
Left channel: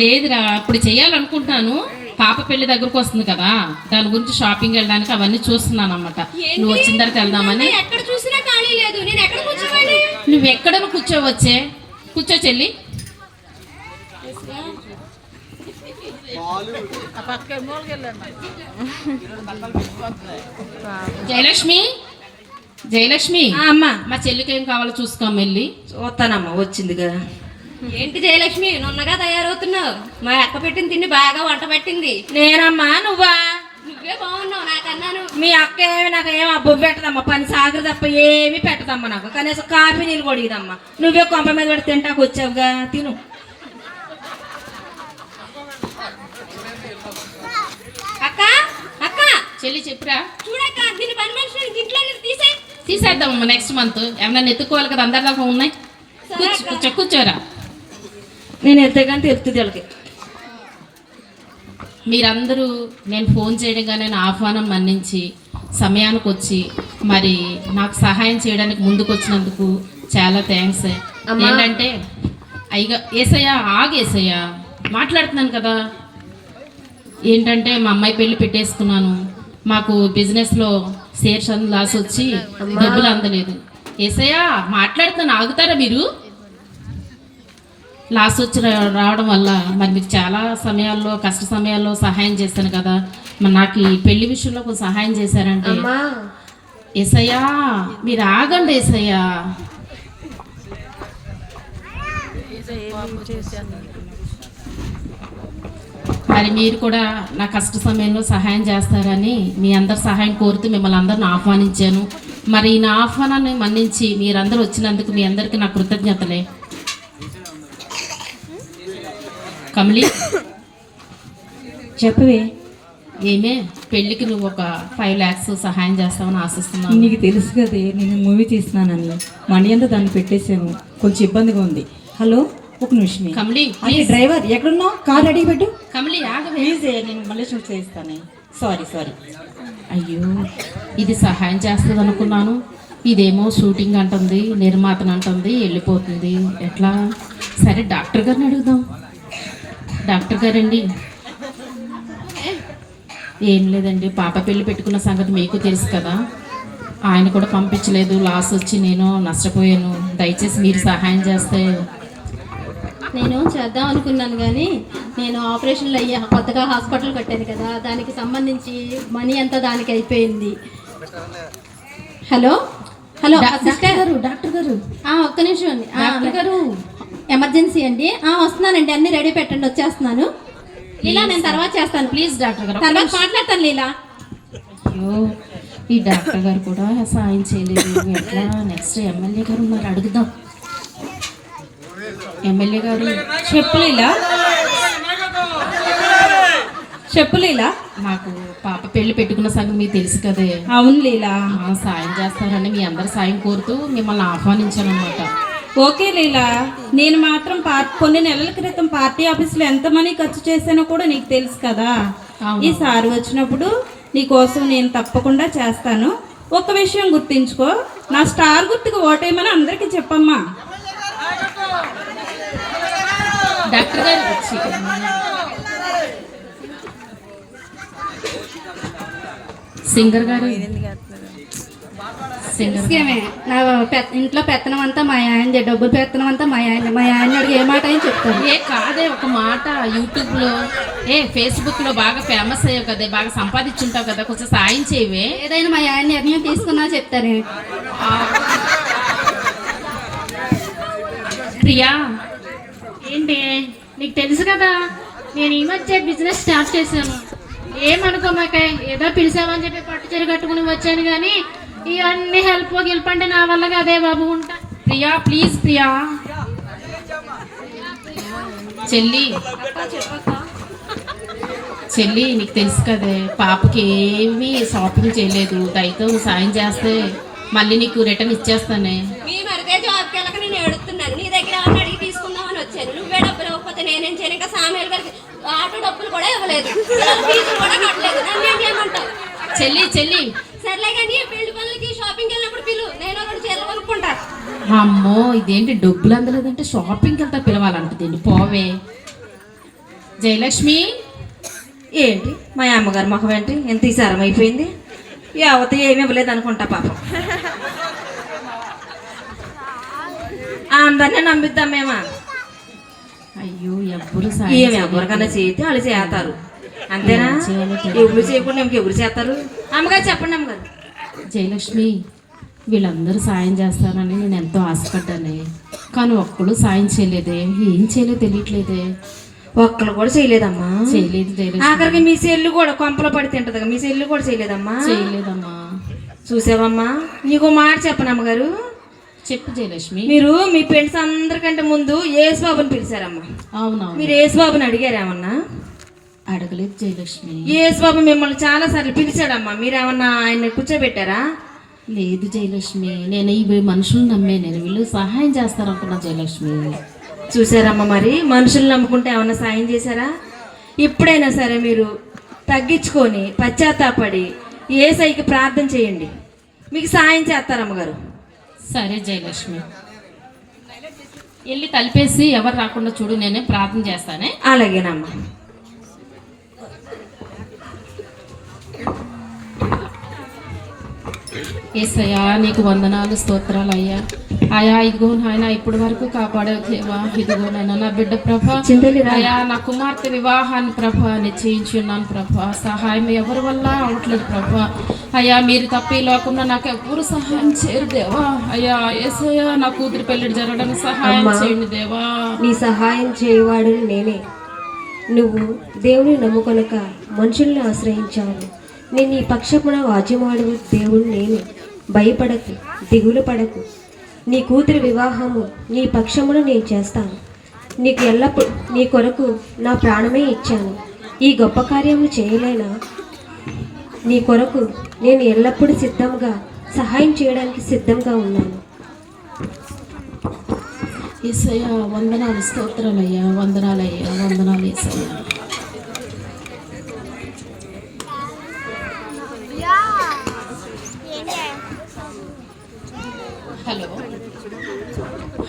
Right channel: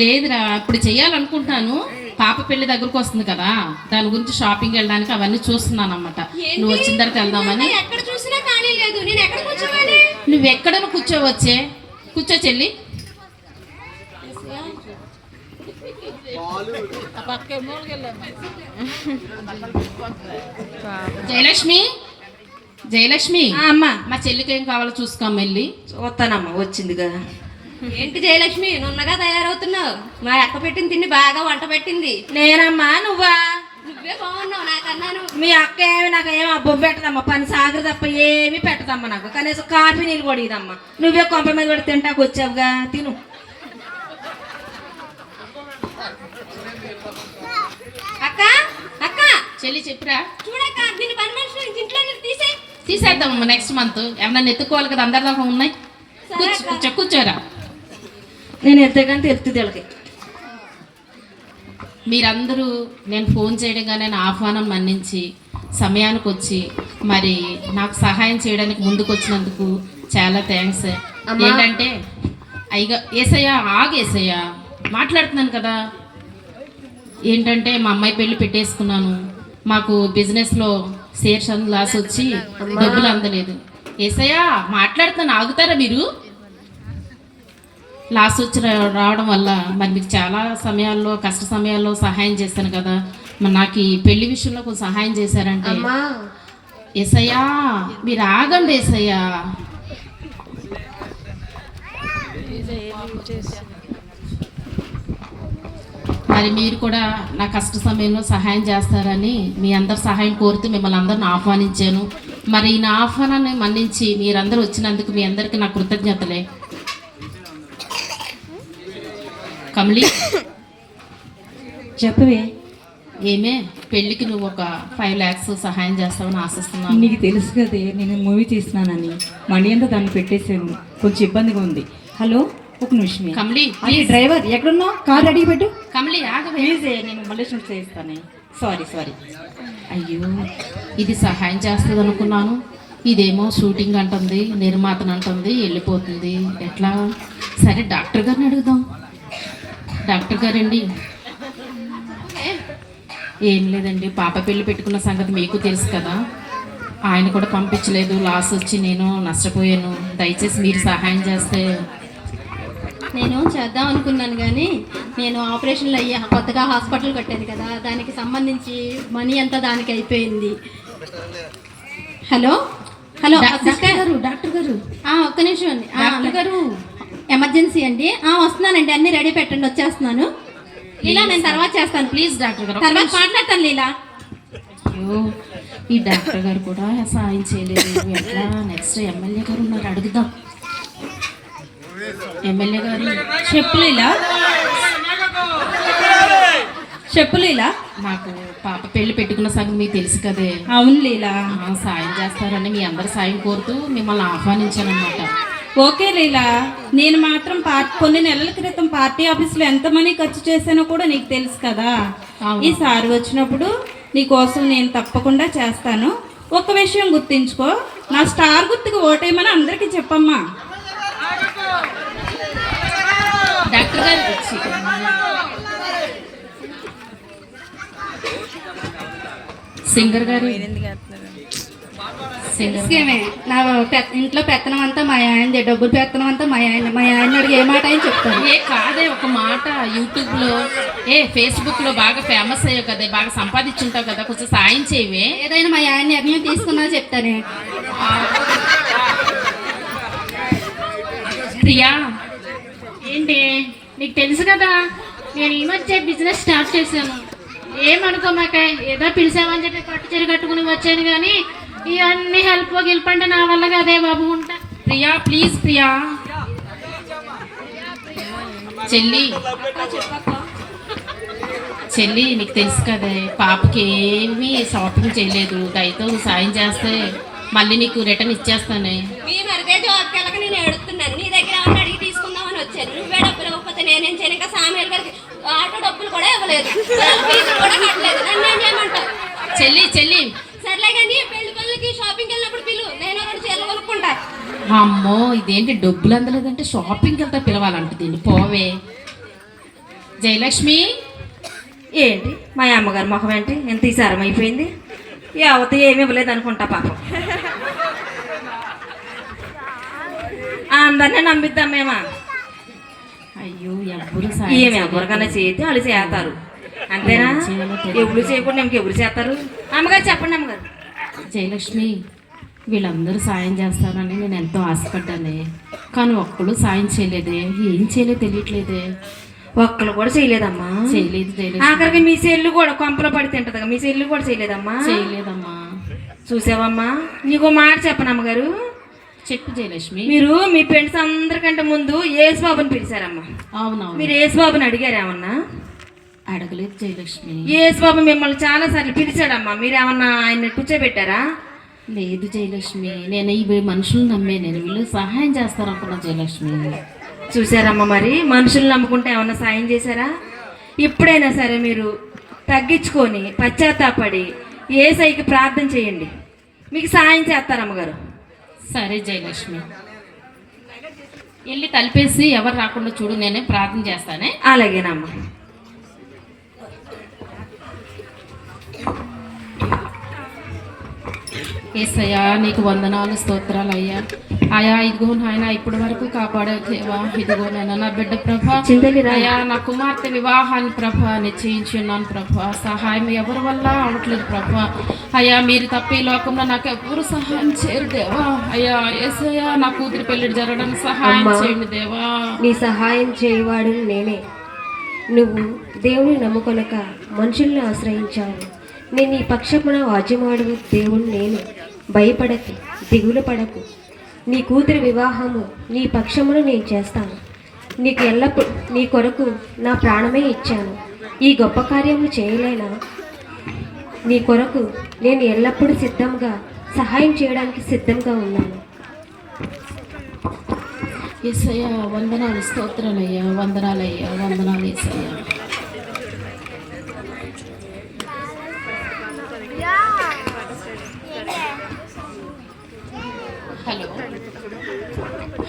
లేదురా, ఇప్పుడు చెయ్యాలనుకుంటాను. పాప పెళ్లి దగ్గరకు వస్తుంది కదా, దాని గురించి షాపింగ్ వెళ్ళడానికి అవన్నీ చూస్తున్నాను అన్నమాట. నువ్వు వచ్చిన తర్వాత వెళ్దామని. ఎక్కడ చూసినా ఖాళీ లేదు, నేను ఎక్కడ కూర్చోవాలి? నువ్వు ఎక్కడ కూర్చోవచ్చే, కూర్చో చెల్లి. జయలక్ష్మి, అమ్మా, మా చెల్లికి ఏం కావాలో చూసుకోమ్మ, వెళ్ళి చూస్తానమ్మా. వచ్చిందిగా. ఏంటి జయలక్ష్మి, నున్నగా తయారవుతున్నావు? మా అక్క పెట్టిన తిండి బాగా వంట పెట్టింది. నేనమ్మా, నువ్వా? నువ్వే బాగున్నావు నాకన్నాను. మీ అక్క ఏమి నాకు ఏమి అబ్బు పెట్టదమ్మా. పని సాగరు తప్ప ఏమి పెట్టదమ్మా. నాకు కనీసం కాఫీ నీళ్ళు కూడా ఇదమ్మా. నువ్వే కొంప మీద పెట్టి తింటాకు వచ్చావుగా, తిను. అక్క అక్క, చెల్లి చెప్పురా. చూడక్క, దీని పని మనిషి ఇంట్లో తీసేద్దామమ్మా. నెక్స్ట్ మంత్ ఎవరన్నా ఎత్తుకోవాలి కదా, అందరిదాకా ఉన్నాయి. కూర్చోరా. నేను ఎత్తే తెలుస్తుంది వీళ్ళకి. మీరందరూ నేను ఫోన్ చేయడంగానే నా ఆహ్వానం మన్నించి సమయానికి వచ్చి మరి నాకు సహాయం చేయడానికి ముందుకు వచ్చినందుకు చాలా థ్యాంక్స్. ఏంటంటే అయ్యగా ఏసయ్యా, ఏసయ్యా మాట్లాడుతున్నాను కదా. ఏంటంటే మా అమ్మాయి పెళ్లి పెట్టేసుకున్నాను. మాకు బిజినెస్లో షేర్స్ లాస్ వచ్చి డబ్బులు అందలేదు. ఏసయ్యా మాట్లాడుతున్నాను, ఆగుతారా మీరు? లాస్ వచ్చి రావడం వల్ల మరి మీకు చాలా సమయాల్లో కష్ట సమయాల్లో సహాయం చేశాను కదా, మరి నాకు ఈ పెళ్లి విషయంలో కొంచెం సహాయం చేశారంటే అమ్మా ఏసయ్యా మీరు ఆగండి ఏసయ్యా. మరి మీరు కూడా నా కష్ట సమయంలో సహాయం చేస్తారని మీ అందరి సహాయం కోరుతూ మిమ్మల్ని అందరిని ఆహ్వానించాను. మరి నా ఆహ్వానాన్ని మన్నించి మీరందరూ వచ్చినందుకు మీ అందరికీ నా కృతజ్ఞతలే. కమలి చెప్పవే. ఏమే పెళ్ళికి నువ్వు ఒక 5 lakhs సహాయం చేస్తావని ఆశిస్తున్నాను. నీకు తెలుసు కదే నేను మూవీ తీస్తున్నానని మనీ అంతా దాన్ని పెట్టేశాను, కొంచెం ఇబ్బందిగా ఉంది. హలో ఒక నిమిషమే. కమలి అరే డ్రైవర్ ఎక్కడున్నావు? కార్ రెడీ పెట్టు. కమలి ఆగవే. ప్లీజ్ నేను మళ్ళీ షూట్ చేస్తానే. సారీ. అయ్యో ఇది సహాయం చేస్తుంది అనుకున్నాను, ఇదేమో షూటింగ్ అంటుంది, నిర్మాతను అంటుంది, వెళ్ళిపోతుంది. ఎట్లా? సరే డాక్టర్ గారిని అడుగుదాం. డాక్టర్ గారండి. ఏం లేదండి, పాప పెళ్ళి పెట్టుకున్న సంగతి మీకు తెలుసు కదా, ఆయన కూడా పంపించలేదు, లాస్ వచ్చి నేను నష్టపోయాను. దయచేసి మీరు సహాయం చేస్తే. నేను చేద్దాం అనుకున్నాను కానీ నేను ఆపరేషన్లు అయ్యి కొత్తగా హాస్పిటల్ కట్టాను కదా, దానికి సంబంధించి మనీ అంతా దానికి అయిపోయింది. హలో డాక్టర్ గారు ఒక్క నిమిషం అండి. డాక్టర్ గారు ఎమర్జెన్సీ అండి. వస్తున్నానండి, అన్ని రెడీ పెట్టండి, వచ్చేస్తున్నాను. లీలా నేను తర్వాత చేస్తాను. ప్లీజ్ డాక్టర్ గారు తర్వాత మాట్లాడతాను లీలా. అయ్యో ఈ డాక్టర్ గారు కూడా సాయం చేయలేదు. ఎట్లా? నెక్స్ట్ ఎమ్మెల్యే గారు ఉన్నారు, అడుగుదాం. ఎమ్మెల్యే గారు చెప్పు లీలా. నాకు పాప పెళ్లి పెట్టుకున్న సంగతి మీకు తెలుసు కదే. అవును లీలా. సాయం చేస్తారని మీ అందరి సాయం కోరుతూ మిమ్మల్ని ఆహ్వానించాను అన్నమాట. ఓకే లీలా, నేను మాత్రం కొన్ని నెలల క్రితం పార్టీ ఆఫీస్లో ఎంత మనీ ఖర్చు చేశానో కూడా నీకు తెలుసు కదా. అవును. ఈసారి వచ్చినప్పుడు నీకోసం నేను తప్పకుండా చేస్తాను. ఒక విషయం గుర్తించుకో, నా స్టార్ గుర్తుకు ఓటేయమని అందరికీ చెప్పమ్మా. డాక్టర్ గారు సింగర్ గారు నా ఇంట్లో పెత్తనం అంతా మా ఆయనదే, డబ్బులు పెత్తనం అంతా మా ఆయన అడిగి ఏ మాట అని చెప్తాను. కాదే ఒక మాట, యూట్యూబ్లో ఫేస్బుక్లో బాగా ఫేమస్ అయ్యావు కదా, బాగా సంపాదించుంటావు కదా, కొంచెం సాయం చేయవే. ఏదైనా మా ఆయన నిర్ణయం తీసుకున్నా చెప్తానే. ప్రియా ఏంటి నీకు తెలుసు కదా, నేను ఈ మధ్య బిజినెస్ స్టార్ట్ చేశాను. ఏమనుకోమాక, ఏదో పిలిచామని చెప్పి పట్టు చీర కట్టుకుని వచ్చాను, కానీ ఇవన్నీ హెల్ప్ అంటే నా వల్ల కదే బాబు. ఉంటా ప్రియా ప్లీజ్. ప్రియా చెల్లి నీకు తెలుసు కదే, పాపకి ఏమీ షాపింగ్ చేయలేదు. దయతో సాయం చేస్తే మళ్ళీ నీకు రిటర్న్ ఇచ్చేస్తానే. మీ మరిదే జాబ్కి వెళ్ళక నేను ఎడుతున్నాను, నీ దగ్గర ఏమన్నా అడిగి తీసుకుందామని వచ్చాను. నువ్వే డబ్బులు ఇవ్వకపోతే నేనేం చేయను. ఇంకా సామేలు గారికి ఆటో డబ్బులు కూడా ఇవ్వలేదు, ఫీజులు కూడా కట్టలేదు. నన్ను ఏం చేయమంటావు? చెల్లి సర్లే కానీ పెళ్లి పనులకి షాపింగ్ వెళ్ళినప్పుడు పిలువు, నేను ఒకటి చీరలు కొనుక్కుంటా. అమ్మో ఇదేంటి డబ్బులు అందలేదంటే షాపింగ్ అంతా పిలవాలంట దీన్ని. పోవే జయలక్ష్మి. ఏంటి మా అమ్మగారి ముఖం ఏంటి ఎంత ఈసారం అయిపోయింది? ఎవరితో ఏమి ఇవ్వలేదు అనుకుంటా పాపం. అందరినీ నమ్మిద్దాం మేమా? అయ్యో ఎవ్వరు ఏమి ఎవరికైనా చేస్తే వాళ్ళు చేస్తారు అంతేనా? ఎవరు చేయకుండా ఇంకెవరు చేస్తారు? అమ్మగారు చెప్పండి అమ్మగారు. జయలక్ష్మి వీళ్ళందరూ సాయం చేస్తారని నేను ఎంతో ఆశపడ్డానే, కానీ ఒక్కడు సాయం చేయలేదే. ఏం చేయలేదు తెలియట్లేదే. ఒక్కరు కూడా చేయలేదమ్మా. చేయలేదు జయలక్ష్మి. ఆఖరికి మీ సెల్లు కూడా కొంపలో పడి తింటది కదా, మీ సెల్లు కూడా చేయలేదమ్మా. చేయలేదమ్మా. చూసావమ్మా, నీకు మాట చెప్పను అమ్మగారు. చెప్పు జయలక్ష్మి. మీరు మీ ఫ్రెండ్స్ అందరికంటే ముందు యేసుబాబుని పిలిచారమ్మా. అవునవును. మీరు యేసుబాబుని అడిగారేమన్నా? అడగలేదు జయలక్ష్మి. యేసుబాబు మిమ్మల్ని చాలా సార్లు పిలిచాడమ్మా, మీరేమన్నా ఆయన కూర్చోబెట్టారా? లేదు జయలక్ష్మి, నేను ఈ మనుషులు నమ్మే, నేను వీళ్ళు సహాయం చేస్తారనుకున్నా జయలక్ష్మి. చూసారమ్మా, మరి మనుషులు నమ్ముకుంటే ఏమన్నా సాయం చేశారా? ఇప్పుడైనా సరే మీరు తగ్గించుకొని పశ్చాత్తాపడి యేసయ్యకి ప్రార్థన చేయండి, మీకు సాయం చేస్తారమ్మగారు. సరే జయలక్ష్మి, వెళ్ళి తలిపేసి ఎవరు రాకుండా చూడు, నేనే ప్రార్థన చేస్తానే. అలాగేనమ్మా. యేసయ్యా నీకు వందనాలు స్తోత్రాలు అయ్యా. అయ్యా ఇదిగో నాయన ఇప్పటి వరకు కాపాడావు దేవా. ఇదిగో నాయన నా బిడ్డ ప్రభా, అయ్యా నా కుమార్తె వివాహాన్ని ప్రభా నిశ్చయించున్నాను ప్రభా. సహాయం ఎవరి వల్ల అవట్లేదు ప్రభా. అయ్యా మీరు తప్ప ఈ లోకంలో నాకు ఎవరు సహాయం చేయరు దేవా. అయ్యా యేసయ్యా నా కూతురు పెళ్లి జరగడానికి సహాయం చేయండి దేవా. నీ సహాయం చేయవాడు నేనే. నువ్వు దేవుని నమ్ముకొనక మనుషుల్ని ఆశ్రయించావు. నేను నీ పక్షమున వాద్యమాడు దేవుడు నేనే. భయపడకు, దిగులు పడకు. నీ కూతురి వివాహము నీ పక్షమున నేను చేస్తాను. నీకు ఎల్లప్పుడు నీ కొరకు నా ప్రాణమే ఇచ్చాను. ఈ గొప్ప కార్యములు చేయలేనా? నీ కొరకు నేను ఎల్లప్పుడూ సిద్ధంగా సహాయం చేయడానికి సిద్ధంగా ఉన్నాను. యేసయ్యా వందనాలు స్తోత్రాలయ్యా, వందనాలయ్యా, వందనాలు యేసయ్యా. హలో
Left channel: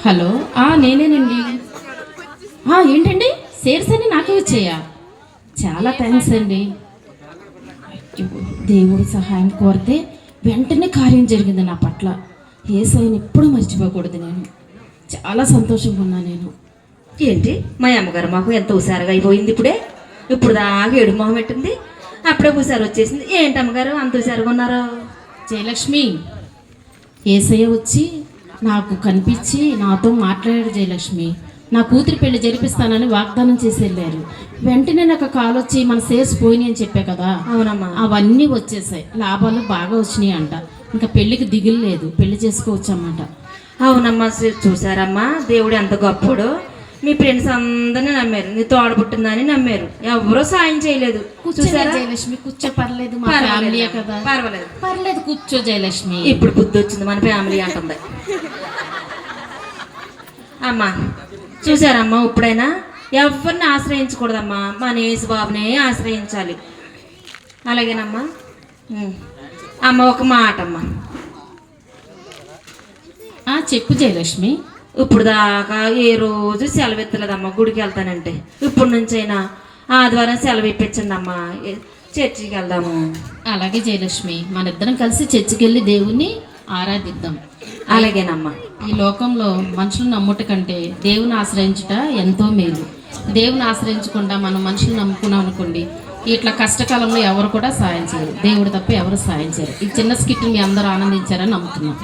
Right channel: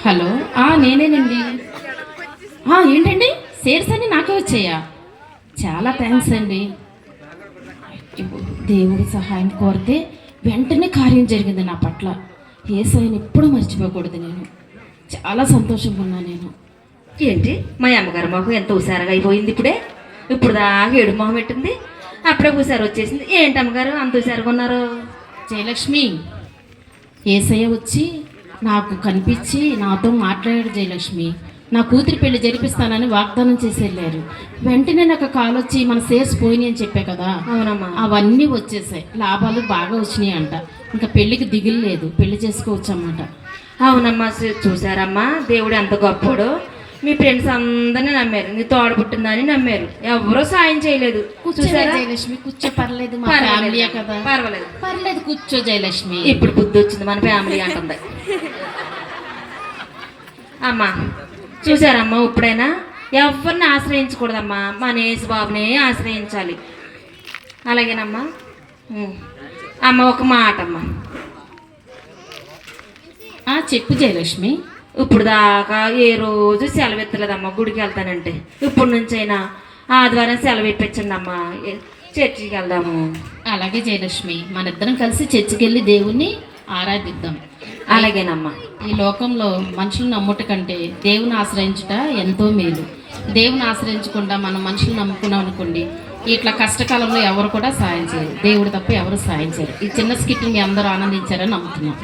హలో నేనేనండి. ఏంటండి షేర్స్ అన్ని నాకే వచ్చాయా? చాలా థ్యాంక్స్ అండి. దేవుడి సహాయం కోరితే వెంటనే కార్యం జరిగింది నా పట్ల. యేసయ్యని ఎప్పుడు మర్చిపోకూడదు. నేను చాలా సంతోషంగా ఉన్నా. నేను ఏంటి మా అమ్మగారు మాకు ఎంత హుషారుగా అయిపోయింది ఇప్పుడు దాకా ఏడు మొహం పెట్టింది, అప్పుడే హుషారు వచ్చేసింది. ఏంటి అమ్మగారు అంత హుషారుగా ఉన్నారు? జయలక్ష్మి, యేసయ్య వచ్చి నాకు కనిపించి నాతో మాట్లాడాడు. జయలక్ష్మి నా కూతురి పెళ్లి జరిపిస్తానని వాగ్దానం చేసి వెళ్ళారు. వెంటనే నాకు కాల్ వచ్చి మన షేర్స్ పోయినాయి అని చెప్పే కదా. అవునమ్మా. అవన్నీ వచ్చేసాయి, లాభాలు బాగా వచ్చినాయి అంట. ఇంకా పెళ్లికి దిగులు లేదు, పెళ్లి చేసుకోవచ్చు అన్నమాట. అవునమ్మా, చూసారమ్మా దేవుడు ఎంత గొప్పడు. మీ ఫ్రెండ్స్ అందరినీ నమ్మారు, నీ తోడ పుట్టిందని నమ్మారు, ఎవరో సాయం చేయలేదు. చూసారా జయలక్ష్మి? కూర్చో, పర్లేదు, మా ఫ్యామిలీ కదా. పర్వాలేదు పర్లేదు, కూర్చో జయలక్ష్మి. ఇప్పుడు బుద్ధి వచ్చింది, మన ఫ్యామిలీ అంటుంది. అమ్మా చూసారమ్మా, ఇప్పుడైనా ఎవరిని ఆశ్రయించకూడదమ్మా, మన యేసు బాబునే ఆశ్రయించాలి. అలాగేనమ్మా. అమ్మ ఒక మాట అమ్మా. చెప్పు జయలక్ష్మి. ఇప్పుడు దాకా ఏ రోజు సెలవు ఎత్తలేదమ్మా గుడికి వెళ్తానంటే. ఇప్పుడు నుంచైనా ఆదివారం సెలవు ఇప్పించండి అమ్మా, చర్చికి వెళ్దాము. అలాగే జయలక్ష్మి, మన ఇద్దరం కలిసి చర్చికి వెళ్ళి దేవుణ్ణి ఆరాధిద్దాం. అలాగేనమ్మా. ఈ లోకంలో మనుషులు నమ్ముట కంటే దేవుని ఆశ్రయించుట ఎంతో మేలు. దేవుని ఆశ్రయించకుండా మనం మనుషులు నమ్ముకున్నాం అనుకోండి, ఇట్లా కష్టకాలంలో ఎవరు కూడా సాయం చేయరు. దేవుడు తప్ప ఎవరు సాయం చేయరు. ఈ చిన్న స్కిట్ మీ అందరూ ఆనందించారని నమ్ముతున్నాం.